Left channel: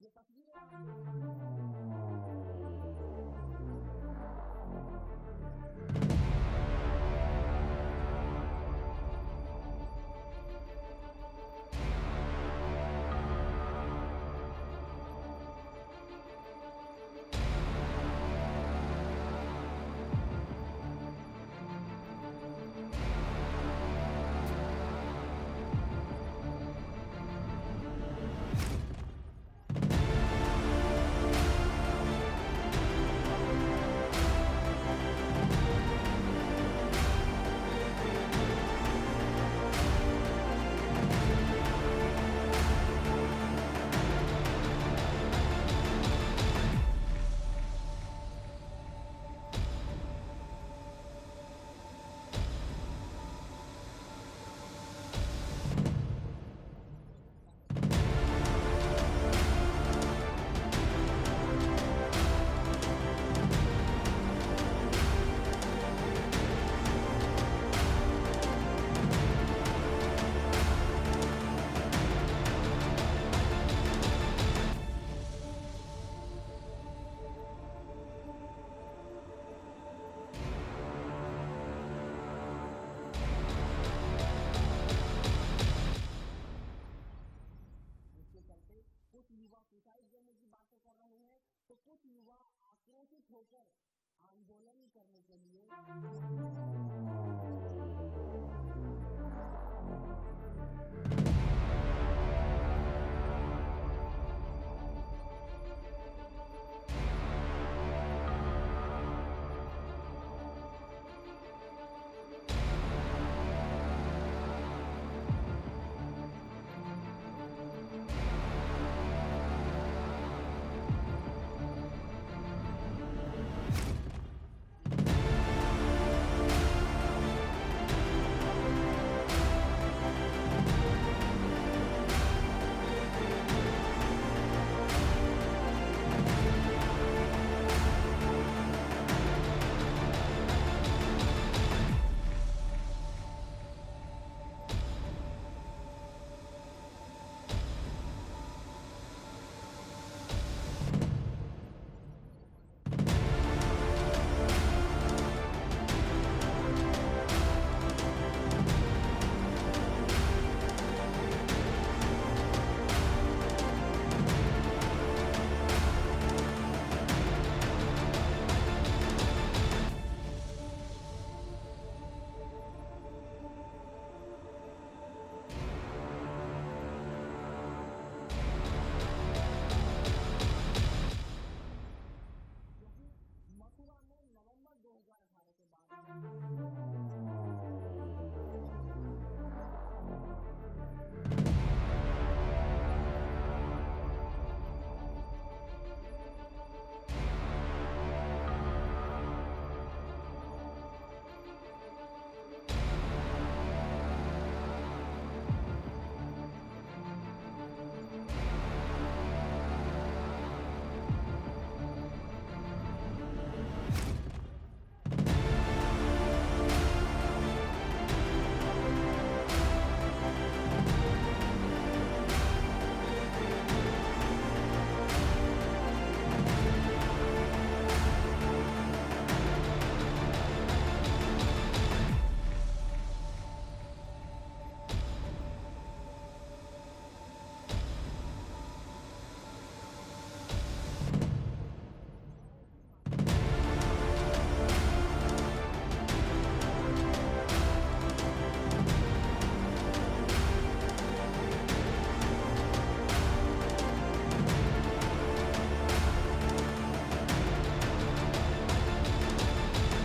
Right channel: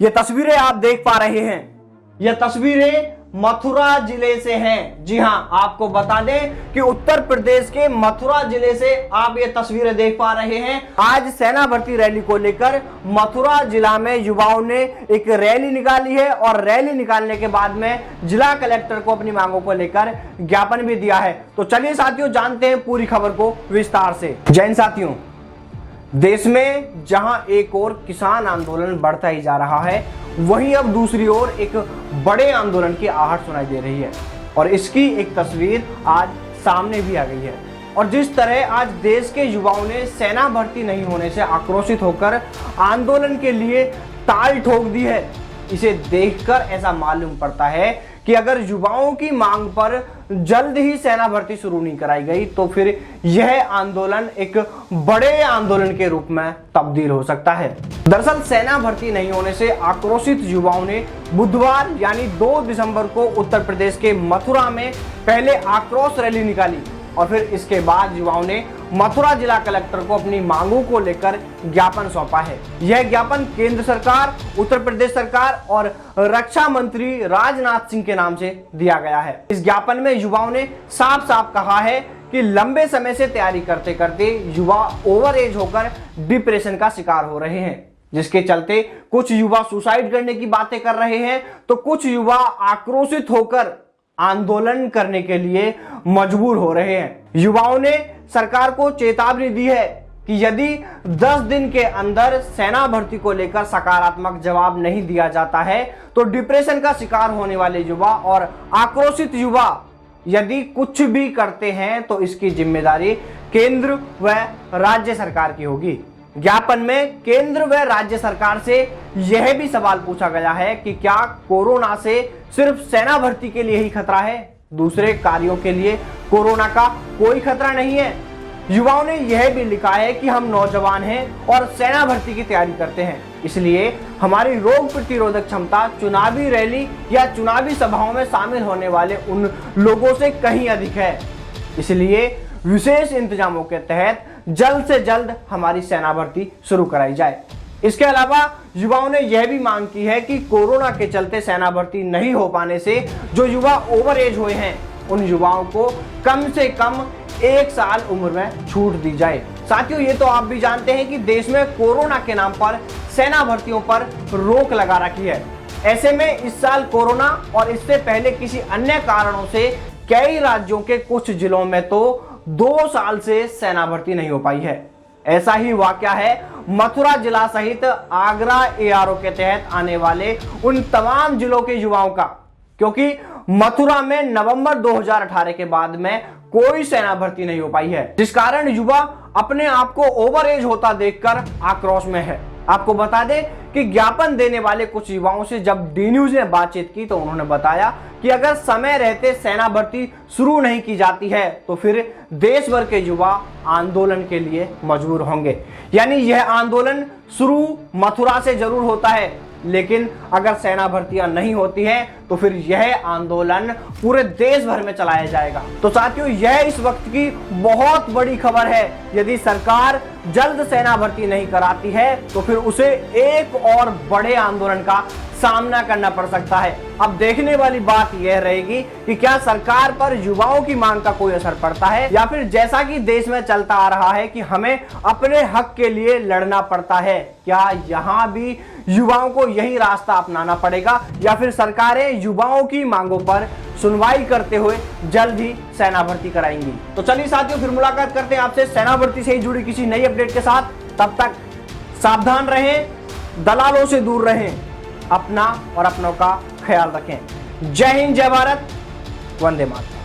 ये तस्वीरें आप देख पा रहे हैं, ये तस्वीरें मथुरा जिले से हैं। जी हां, आपको बता दें कि उत्तर प्रदेश के मथुरा जिले से आप ये तस्वीरें देख पा रहे हैं। आज सेना भर्ती रैली को लेकर मथुरा जिला में युवाओं ने एक रैली निकाली है और रैली निकालने के बाद में जिला कलेक्टर को अपनी मांगों को लेकर ज्ञापन भी दिया है। तो चलिए साथियों, जानते हैं पूरी खबर को विस्तार से। जय हिंद साथियों, देश में जहां एक ओर किसान आंदोलन बढ़ता ही जा रहा है, वहीं अब दूसरी ओर एक बड़े आंदोलन की आहट सुनाई दे रही है और इसकी एक तस्वीर आज सामने भी आ गई है। और जिस तरह आज देश के युवाओं ने सेना भर्ती नहीं होने से आक्रोशित होकर आंदोलन के लिए ताल ठोक दी है, इसे देखकर ऐसा मालूम पड़ता है कि अगर युवाओं की मांग पर जल्द ही सेना भर्ती शुरू नहीं कराई गई तो फिर यह आंदोलन एक बड़े आंदोलन के रूप में तब्दील हो सकता है। दरअसल सेना भर्ती नहीं होने से आक्रोशित युवाओं ने बुधवार यानी 2 दिसंबर को उत्तर प्रदेश के मथुरा में पहले आक्रोश रैली निकाली और फिर इसके बाद युवाओं ने मथुरा जिला कलेक्टर को अपनी मांगों को लेकर ज्ञापन सौंपा है। यह ज्ञापन केंद्र सरकार, उत्तर प्रदेश सरकार और रक्षा मंत्री राजनाथ सिंह के नाम से दिया गया है। इस ज्ञापन में युवाओं ने साफ साफ कहा है कि लंबे समय से तैयारी करते करते युवा ओवर एज होकर डिप्रेशन का शिकार हो रहे हैं, जिसके चलते कुछ युवा सुसाइड करने की बातें कर रहे हैं तो कुछ युवा आक्रोशित होकर आंदोलन करने के लिए मजबूर हो रहे हैं। युवाओं ने सरकार को चेतावनी दी है कि यदि 10 दिन के अंदर सेना भर्ती को लेकर सकारात्मक जवाब नहीं दिया जाता है तो डिप्रेशन का शिकार होने वाले युवा और आक्रोशित युवा यदि कुछ भी करते हैं तो इसकी जिम्मेदारी केंद्र व राज्य सरकार की होगी। ज्ञापन में केंद्र व राज्य सरकार से यह भी सवाल पूछा गया है कि क्या कोरोना से सिर्फ सेना भर्ती के लिए ही खतरा है, दूसरे कार्यों के लिए कोरोना का कोई खतरा नहीं है। युवाओं ने यह भी लिखा है कि हम नौजवान हैं और सेना भर्ती की तैयारी करते हैं, इसलिए हमारी रोग प्रतिरोधक क्षमता चुनावी रैली या चुनावी सभाओं में शामिल होने वाले उन लोगों से कहीं अधिक है। इसलिए विशेष इंतजामों के तहत जल्द से जल्द हमारी सेना भर्ती शुरू कराई जाए। इसके अलावा युवाओं ने यह भी मांग की है कि कोरोना के चलते सेना भर्ती नहीं हो पाने से जो युवा ओवर एज हुए हैं उन युवाओं को कम से कम 1 साल उम्र में छूट दी जाए। साथियों, ये तो आप भी जानते हैं कि देश में कोरोना के नाम पर सेना भर्तियों पर रोक लगा रखी है। ऐसे में इस साल कोरोना और इससे पहले किसी अन्य कारणों से कई राज्यों के कुछ जिलों में तो 2 साल से सेना भर्ती नहीं हो पाई है। ऐसा ही वाकया है मथुरा जिला सहित आगरा एआरओ के तहत आने वाले उन तमाम जिलों के युवाओं का, क्योंकि मथुरा में नवंबर 2018 के बाद में कोई सेना भर्ती नहीं हो पाई है, जिस कारण युवा अपने आप को ओवर एज होता देखकर आक्रोश में है। आपको बता दें कि ज्ञापन देने वाले कुछ युवाओं से जब डी न्यूज ने बातचीत की तो उन्होंने बताया कि अगर समय रहते सेना भर्ती शुरू नहीं की जाती है तो फिर देश भर के युवा आंदोलन के लिए मजबूर होंगे। यानी यह आंदोलन शुरू मथुरा से जरूर होता है, लेकिन अगर सेना भर्तियां नहीं होती हैं तो फिर यह आंदोलन पूरे देश भर में चलाया जाएगा। तो साथियों, यह इस वक्त की बहुत बड़ी खबर है। यदि सरकार जल्द सेना भर्ती नहीं कराती है तो फिर उसे एक और बड़े आंदोलन का सामना करना पड़ सकता है। अब देखने वाली बात यह रहेगी कि क्या सरकार पर युवाओं की मांग का कोई असर पड़ता है या फिर जैसा कि देश में चलता आ रहा है कि हमें अपने हक के लिए लड़ना पड़ता है, क्या यहाँ भी युवाओं को यही रास्ता अपनाना पड़ेगा या फिर सरकारें युवाओं की मांगों पर सुनवाई करते हुए जल्द ही सेना भर्ती कराएंगी। तो चलिए साथियों, फिर मुलाकात करते हैं आपसे सेना भर्ती से ही जुड़ी किसी नई अपडेट के साथ। तब तक सावधान रहें, दलालों से दूर रहें, अपना और अपनों का ख्याल रखें। जय हिंद, जय भारत, वंदे मातरम।